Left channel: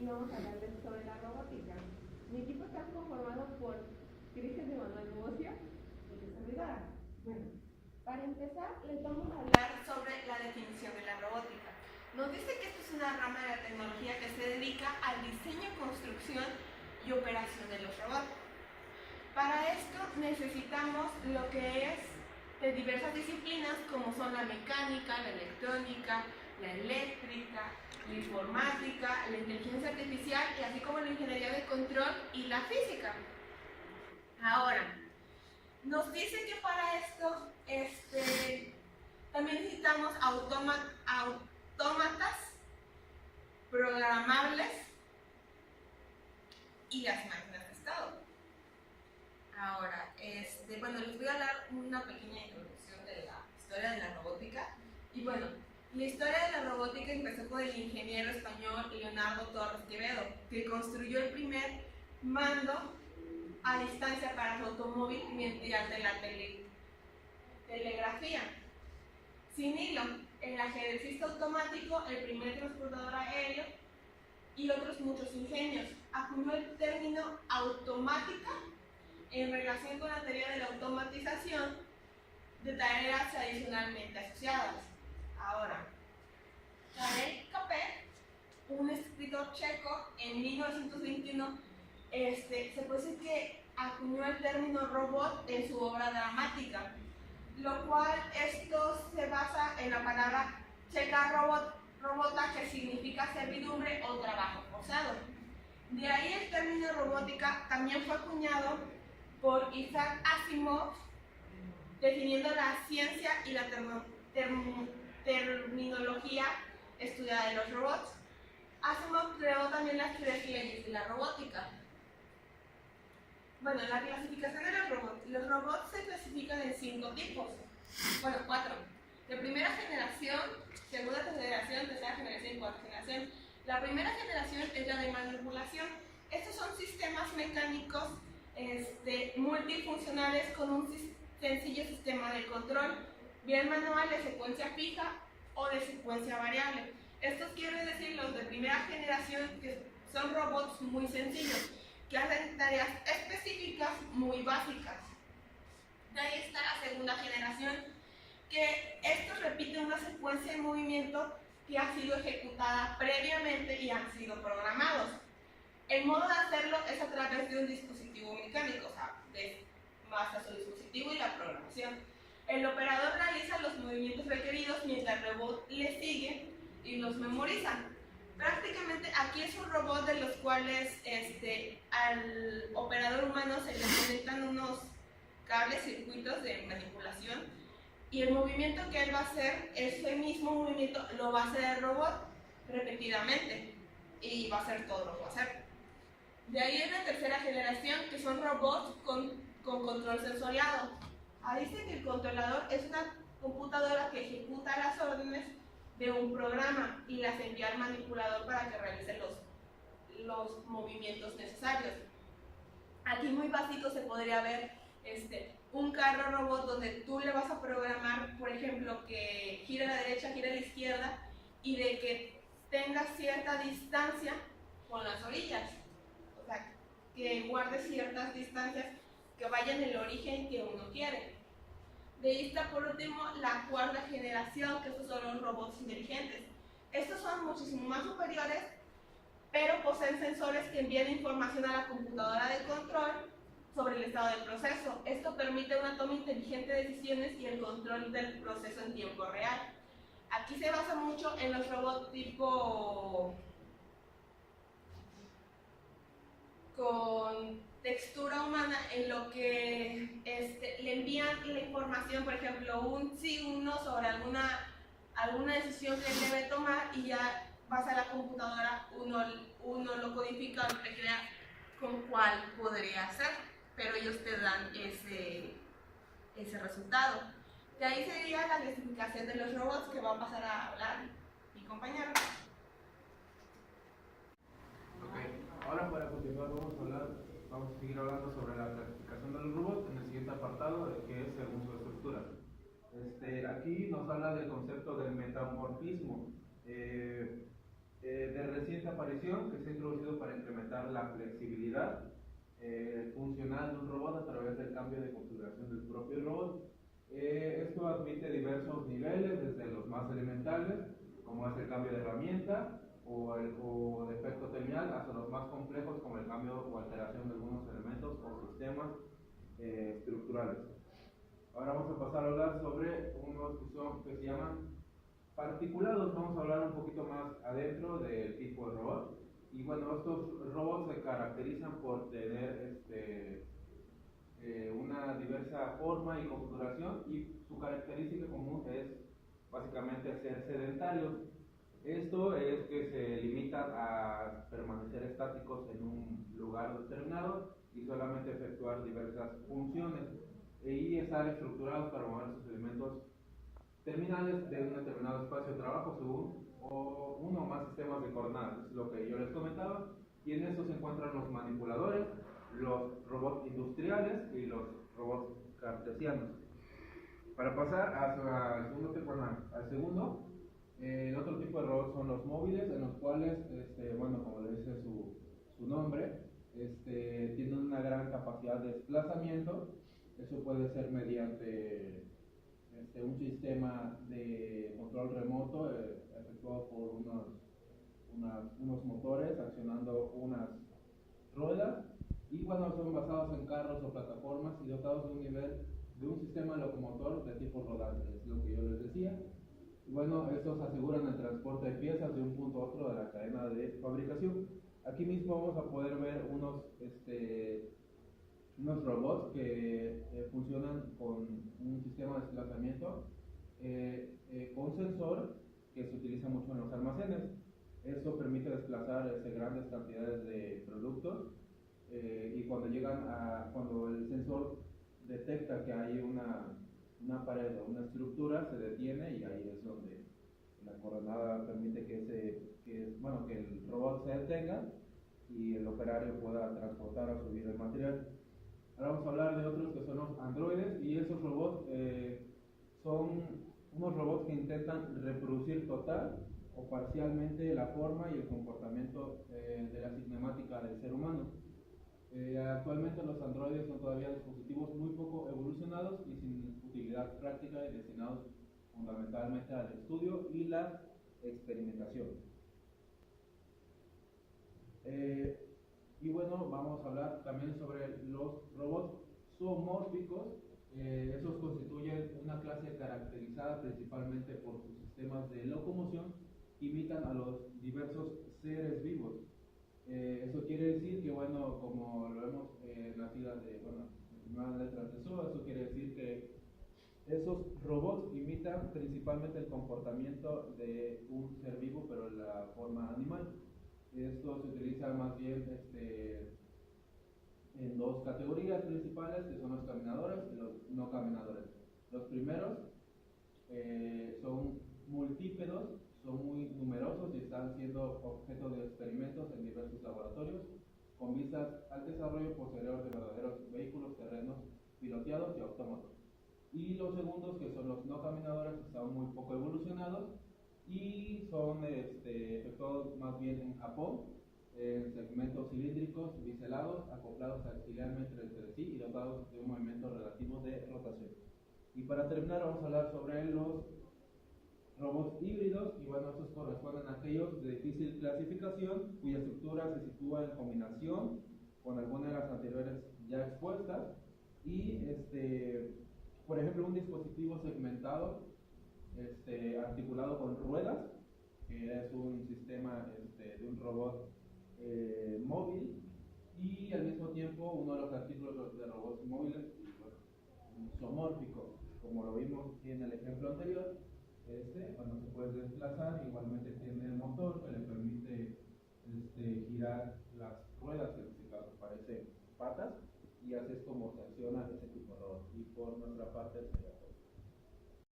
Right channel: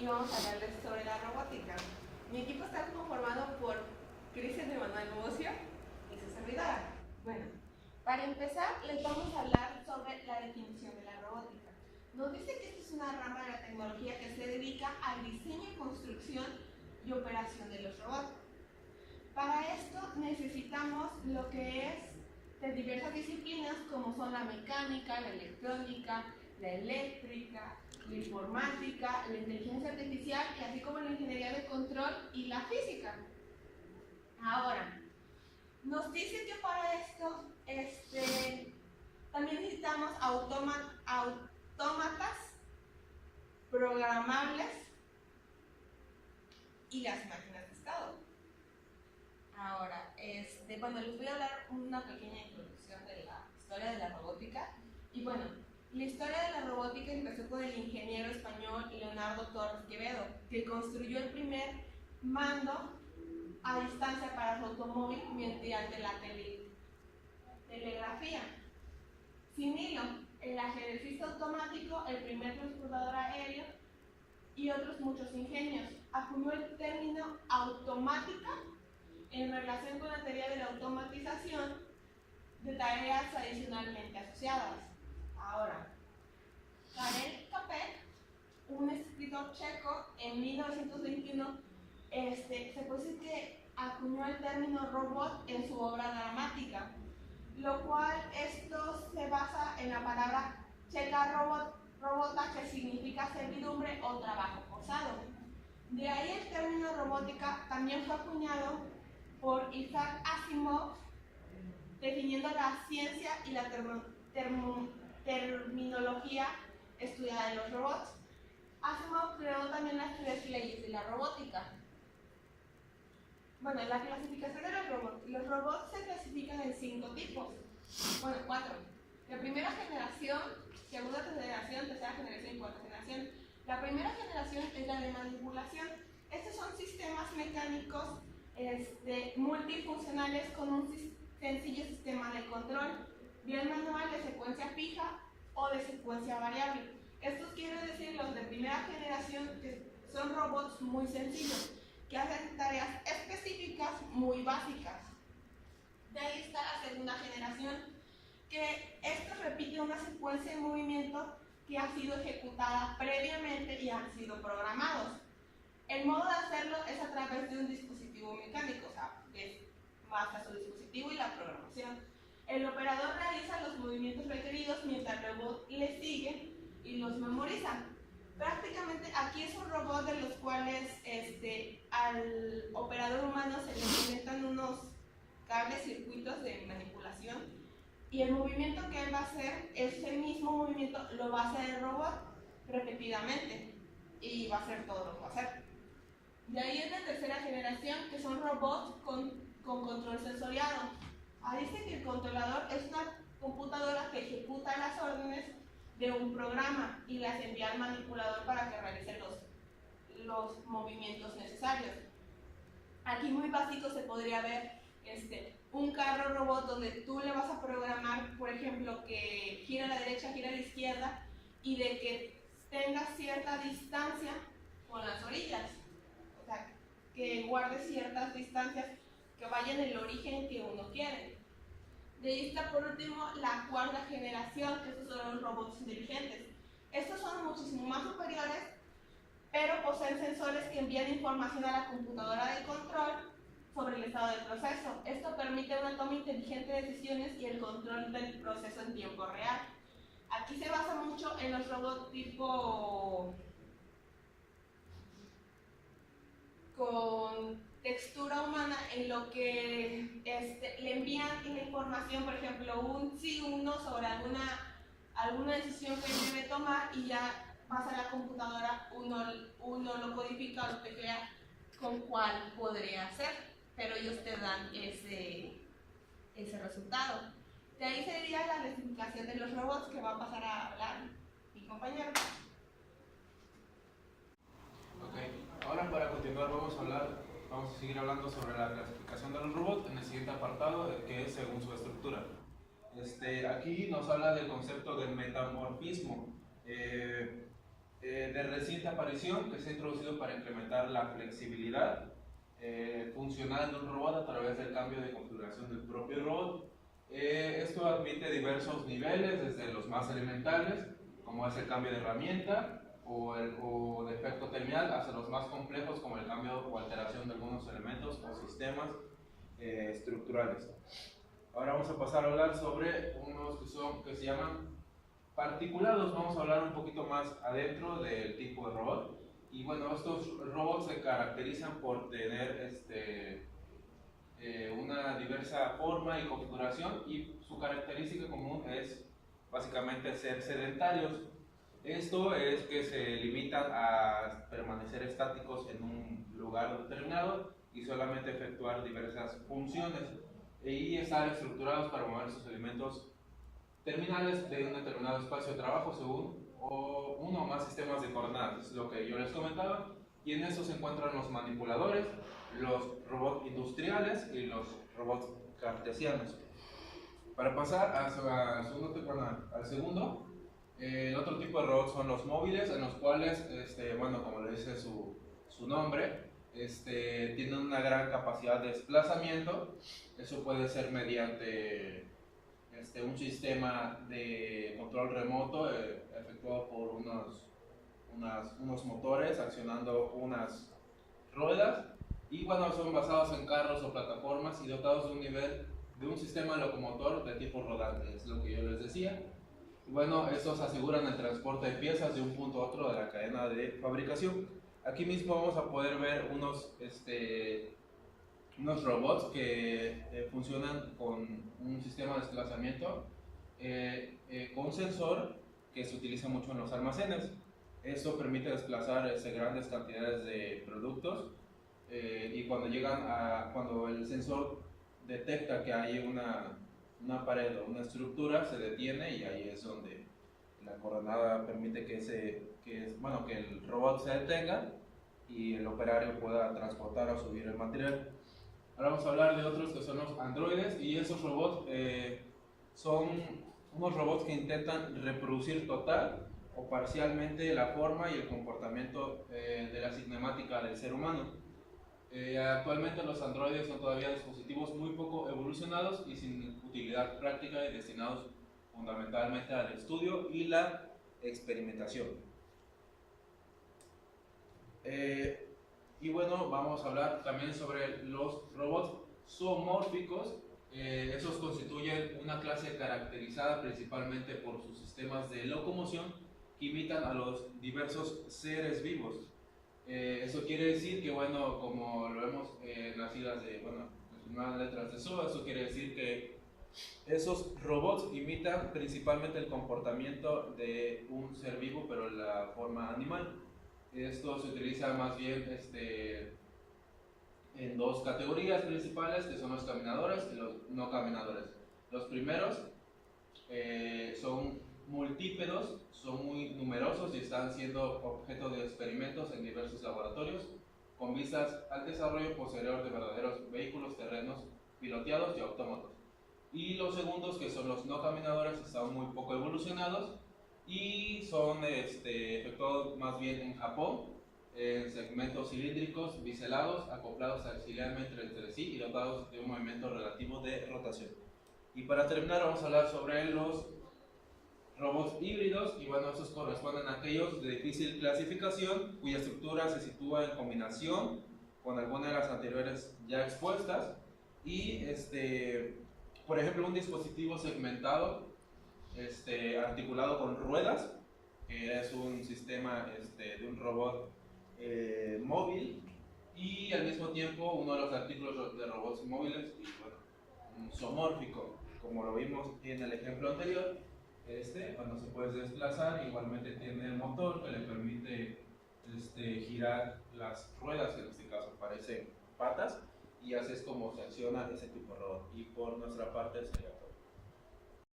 y vamos a hablarles sobre la robótica. Mi equipo está conformado por Cristian de Manuel Mucio y su servidora. Bueno, para empezar les vamos a hablar sobre la definición de la robótica. Nos dice que esto es una rama de la tecnología que se dedica al diseño, construcción y operación de los robots. Para esto necesitamos lo que es de diversas disciplinas como son la mecánica, la electrónica, la eléctrica, la informática, la inteligencia artificial y así como la ingeniería de control y la física. Ahora, nos dice que para esto también necesitamos autómatas programables y las máquinas de estado. Ahora, bueno, les voy a dar una pequeña introducción de la historia de la robótica. Y bueno, la historia de la robótica empezó con el ingeniero español Leonardo Torres Quevedo, que construyó el primer mando a distancia para su automóvil mediante la telegrafía. Sin hilo, el ajedrecista automático, el primer transportador aéreo y otros muchos ingenios. Acuñó el término automática en relación con la teoría de la automatización de tareas adicionalmente asociadas. Ahora, Karel Capek, un escritor checo, en 1921, se puede decir que acuñó el término robot en su obra dramática, lo cual esto se basa en la palabra checa robota, que significa servidumbre o trabajo forzado. De ahí el término robótica también fue acuñado por Isaac Asimov, definiendo la ciencia y la terminología estudiada de los robots. Asimov creó también las 3 leyes de la robótica. Bueno, la clasificación de los robots. Los robots se clasifican en 5 tipos. Bueno, 4. De primera generación, segunda generación, tercera generación y cuarta generación. La primera generación es la de manipulación. Estos son sistemas mecánicos multifuncionales con un sencillo sistema de control, bien manual, de secuencia fija o de secuencia variable. Estos quieren decir los de primera generación, que son robots muy sencillos, que hacen tareas específicas muy básicas. De ahí está la segunda generación, que estos repiten una secuencia de movimiento que ha sido ejecutada previamente y han sido programados. El modo de hacerlo es a través de un dispositivo mecánico, o sea, basta su dispositivo y la programación. El operador realiza los movimientos requeridos mientras el robot le sigue y los memoriza. Prácticamente aquí es un robot de los cuales al operador humano se le conectan unos cables, circuitos de manipulación, y el movimiento que él va a hacer, ese mismo movimiento lo va a hacer el robot repetidamente y va a hacer todo lo que va a hacer. De ahí es la tercera generación, que son robots con control sensoriado. Ahí dice que el controlador es una computadora que ejecuta las órdenes de un programa y las envía al manipulador para que realice los movimientos necesarios. Aquí muy básico se podría ver un carro robot donde tú le vas a programar, por ejemplo, que gira a la derecha, gira a la izquierda y de que tenga cierta distancia con las orillas. O sea, que guarde ciertas distancias que vayan en el origen que uno quiere. De ahí está por último la cuarta generación, que estos son los robots inteligentes. Estos son muchísimo más superiores, pero poseen sensores que envían información a la computadora de control sobre el estado del proceso. Esto permite una toma inteligente de decisiones y el control del proceso en tiempo real. Aquí se basa mucho en los robots tipo con textura humana, en lo que le envían la información, por ejemplo, un sí, un no sobre alguna decisión que él debe tomar, y ya pasa a la computadora, uno lo codifica o lo teclea con cuál podría ser, pero ellos te dan ese resultado. De ahí sería la clasificación de los robots, que va a pasar a hablar mi compañero. Ahora, para continuar, vamos a seguir hablando sobre la clasificación de los robots en el siguiente apartado, que es según su estructura. Aquí nos habla del concepto del metamorfismo. De de reciente aparición, que se ha introducido para implementar la flexibilidad funcional de un robot a través del cambio de configuración del propio robot. Esto admite diversos niveles, desde los más elementales, como es el cambio de herramienta o de efecto temial, hasta los más complejos, como el cambio o alteración de algunos elementos o sistemas estructurales. Ahora vamos a pasar a hablar sobre unos que se llaman particulados. Vamos a hablar un poquito más adentro del tipo de robot. Y bueno, estos robots se caracterizan por tener una diversa forma y configuración, y su característica común es básicamente ser sedentarios. Esto es que se limitan a permanecer estáticos en un lugar determinado y solamente efectuar diversas funciones, y estar estructurados para mover sus elementos terminales de un determinado espacio de trabajo según uno o más sistemas de coordenadas. Es lo que yo les comentaba, y en eso se encuentran los manipuladores, los robots industriales y los robots cartesianos. Para pasar al segundo, el otro tipo de robots son los móviles, en los cuales, bueno, como le dice su nombre, tienen una gran capacidad de desplazamiento. Eso puede ser mediante un sistema de control remoto efectuado por unos motores accionando unas ruedas, y bueno, son basados en carros o plataformas y dotados de un sistema locomotor de tipo rodante, es lo que yo les decía. Y bueno, estos aseguran el transporte de piezas de un punto a otro de la cadena de fabricación. Aquí mismo vamos a poder ver unos robots que funcionan con un sistema de desplazamiento con un sensor que se utiliza mucho en los almacenes. Eso permite desplazar grandes cantidades de productos, y cuando el sensor detecta que hay una pared o una estructura, se detiene, y ahí es donde la coordenada permite que el robot se detenga y el operario pueda transportar o subir el material. Ahora vamos a hablar de otros que son los androides, y esos robots son unos robots que intentan reproducir total o parcialmente la forma y el comportamiento de la cinemática del ser humano. Actualmente los androides son todavía dispositivos muy poco evolucionados y sin utilidad práctica, y destinados fundamentalmente al estudio y la experimentación. Y bueno, vamos a hablar también sobre los robots zoomórficos. Esos constituyen una clase caracterizada principalmente por sus sistemas de locomoción que imitan a los diversos seres vivos. Eso quiere decir que, bueno, como lo vemos en las siglas las primeras letras de SOA, eso quiere decir que esos robots imitan principalmente el comportamiento de un ser vivo, pero en la forma animal. Esto se utiliza más bien en dos categorías principales, que son los caminadores y los no caminadores. Los primeros son multípedos, son muy numerosos y están siendo objeto de experimentos en diversos laboratorios, con vistas al desarrollo posterior de verdaderos vehículos terrenos piloteados y autómatos. Y los segundos, que son los no caminadores, están muy poco evolucionados y son efectuados más bien en Japón, en segmentos cilíndricos biselados, acoplados auxiliarmente entre sí y dotados de un movimiento relativo de rotación. Y para terminar, vamos a hablar sobre los robots híbridos, y bueno, estos corresponden a aquellos de difícil clasificación, cuya estructura se sitúa en combinación con alguna de las anteriores ya expuestas, y por ejemplo, un dispositivo segmentado articulado con ruedas, que es un sistema de un robot móvil, y al mismo tiempo uno de los artículos de robots móviles, y bueno, un zoomórfico, como lo vimos en el ejemplo anterior. Cuando se puede desplazar, igualmente tiene el motor que le permite girar las ruedas, que en este caso parecen patas, y así es como se acciona ese tipo de robot. Y por nuestra parte sería